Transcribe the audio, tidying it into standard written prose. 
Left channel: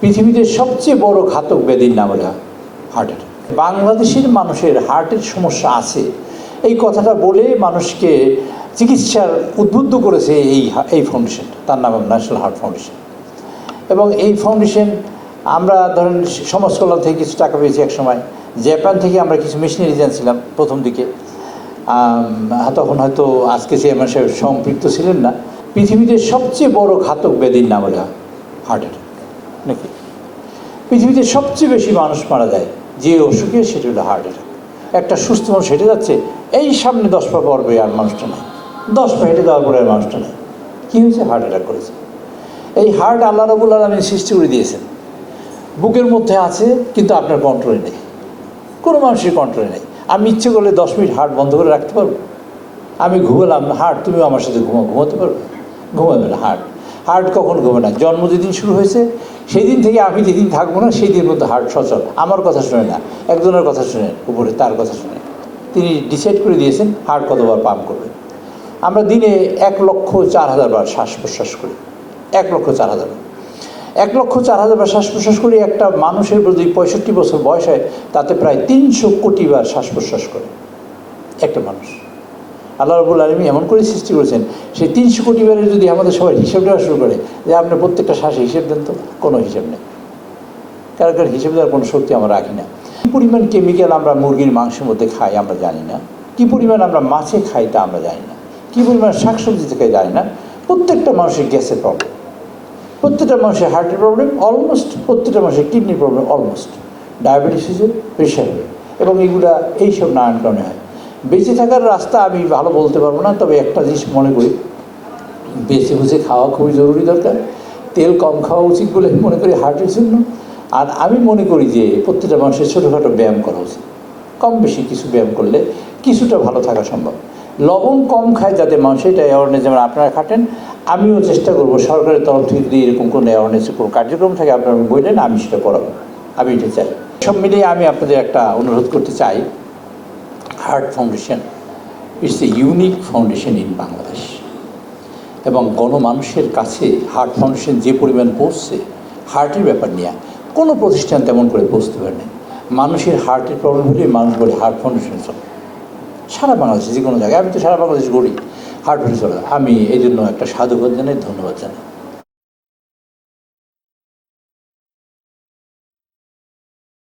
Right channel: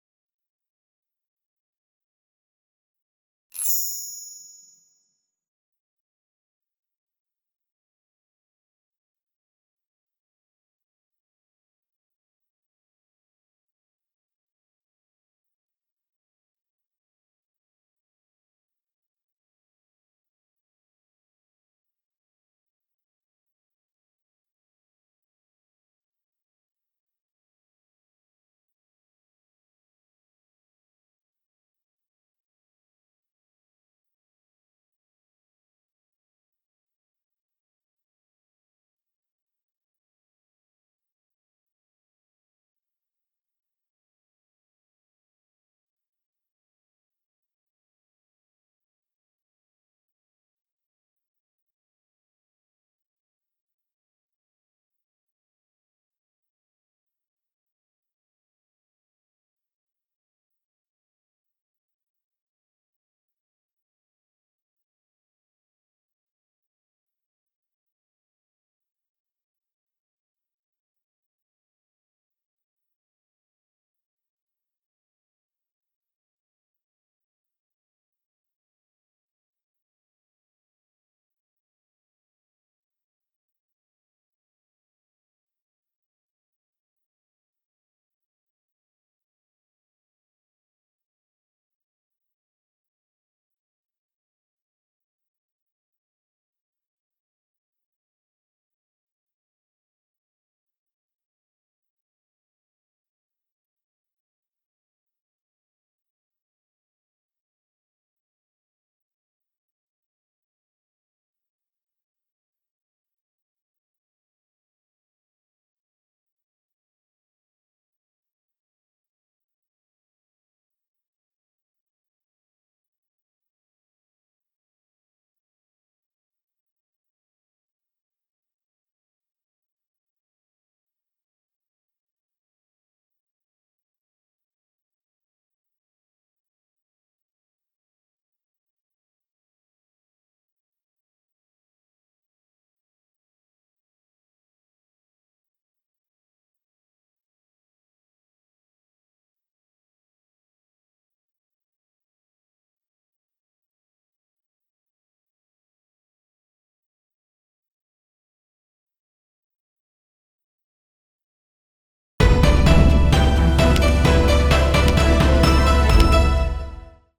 পৃথিবীতে সবচেয়ে বড় ঘাতক ব্যাধির নাম হলো হার্ট অ্যাটাক। বাংলাদেশের মানুষের হার্টের সমস্যা আছে এই কথাটা বলে মানুষকে চিকিৎসার উদ্বুদ্ধ করেছে এই ফাউন্ডেশনটা, তার নাম ন্যাশনাল হার্ট ফাউন্ডেশন। এবং এই ফাউন্ডেশন আমরা ধরেন সমাজ কল্যাণ থেকে কিছু টাকা পেয়েছি এক সময়, জাপান থেকে আমরা কিছু মেশিনারিজ আনছিলাম প্রথম দিকে, তখন হয়তো আজকে চেয়ারম্যান সাহেব সম্পৃক্ত ছিলেন না। পৃথিবীতে সবচেয়ে বড় ঘাতক ব্যাধির নাম হলো হার্ট অ্যাটাক নাকি। পৃথিবীতে সবচেয়ে বেশি মানুষ মারা যায় যে অসুখে, সেটা হলো হার্ট অ্যাটাক। একটা সুস্থ মানুষ হেঁটে যাচ্ছে, এই সামনে 10 পা পড়বে আর মানুষটা নেই, 10 পা হেঁটে যাওয়ার পরে আর মানুষটা নেই। কী হয়েছে? হার্ট অ্যাটাক করেছে। এই হার্ট আল্লাহ রাব্বুল আলামিন সৃষ্টি করে দিয়েছেন, বুকের মধ্যে আছে কিন্তু আপনার কন্ট্রোলে নেই, কোনো মানুষের কন্ট্রোলে নেই। আমি ইচ্ছে করলে 10 মিনিট হার্ট বন্ধ করে রাখতে পারবো? আমি ঘুমালাম, হার্ট তুমিও আমার সাথে ঘুমাতে পারবে? ঘুমাবে না। হার্ট কখন ঘুমে না? জন্ম যেদিন শুরু হয়েছে সেই দিন থেকে আমি যেদিন থাকবো না সেই দিন মধ্যে হার্ট সচল। আমার কথা শুনে না, একজনের কথা শুনে, উপরে তার কথা শুনে তিনি ডিসাইড করে দিয়েছেন হার্ট কতবার পাম্প করবে। আমরা দিনে 1,04,000 বার শ্বাস প্রশ্বাস করি, 1,04,000 বার। 1,04,000 বার শ্বাস প্রশ্বাস করি। একটা মানুষের যদি 65 বছর বয়স হয় তাতে প্রায় 300 কোটি বার শ্বাস প্রশ্বাস করে একটা মানুষ। আল্লাহ রাব্বুল আলামিন এমন করে সৃষ্টি করেছেন, সেই 300 কোটি বারের যদি আমাদের সবাই হিসেব দেওয়া শুরু করে যে আপনার প্রত্যেকটা শ্বাসে হিসেব দেন, তো কোনো হিসেব নেই। কারণ হিসেব দেওয়ার কোনো শক্তি আমরা রাখি না। কী পরিমাণ কেমিক্যাল আমরা মুরগির মাংসের মধ্যে খাই আমরা জানি না, কী পরিমাণ আমরা মাছে খাই তা আমরা জানি না, কী পরিমাণ শাকসবজি থেকে জানি না। প্রত্যেকটা মানুষের গ্যাসের প্রবলেম, প্রত্যেকটা মানুষের হার্টের প্রবলেম অলমোস্ট, প্রত্যেকটা মানুষের কিডনির প্রবলেম অলমোস্ট, ডায়াবেটিস হয়েছে, প্রেশার হবে, এবং এগুলা এইসব নানান কারণে হয়। বেঁচে থাকার রাস্তা আমি ভালো বলতে পারবো না, তবে একটা জিনিস মনে করি, বেঁচে বুঝে খাওয়া খুবই জরুরি দরকার। তেল কম খাওয়া উচিত বলে মনে করি হার্টের জন্য। আর আমি মনে করি যে প্রত্যেকটা মানুষের ছোটোখাটো ব্যায়াম করা উচিত, কম বেশি কিছু ব্যায়াম করলে কিছুটা ভালো থাকা সম্ভব। লবণ কম খায় যাতে মানুষ, এটা অ্যাওয়ারনেস যেমন আপনারা খাটেন, আমিও চেষ্টা করবো সরকারের তরফ থেকে যদি এরকম কোনো অ্যাওয়ারনেসের কোনো কার্যক্রম থাকে আপনারা বললেন, আমি সেটা করাবো, আমি এটা চাই। সব মিলিয়ে আমি আপনাদের একটা অনুরোধ করতে চাই, heart foundation it's a unique foundation in Bangladesh. এবং গণমানুষের কাছে হার্ট ফাউন্ডেশন যে পরিমাণ পৌঁছছে হার্টের ব্যাপার নিয়ে কোনো প্রতিষ্ঠান তেমন করে পৌঁছতে পারে না। মানুষের হার্টের প্রবলেম হলে মানুষ বলে হার্ট ফাউন্ডেশন চলে সারা বাংলাদেশে, যে কোনো জায়গায়। আমি তো সারা বাংলাদেশ ঘুরি, হার্ট ফাউন্ডেশন চলে। আমি এই জন্য একটা সাধুবাদ জানাই, ধন্যবাদ জানাই।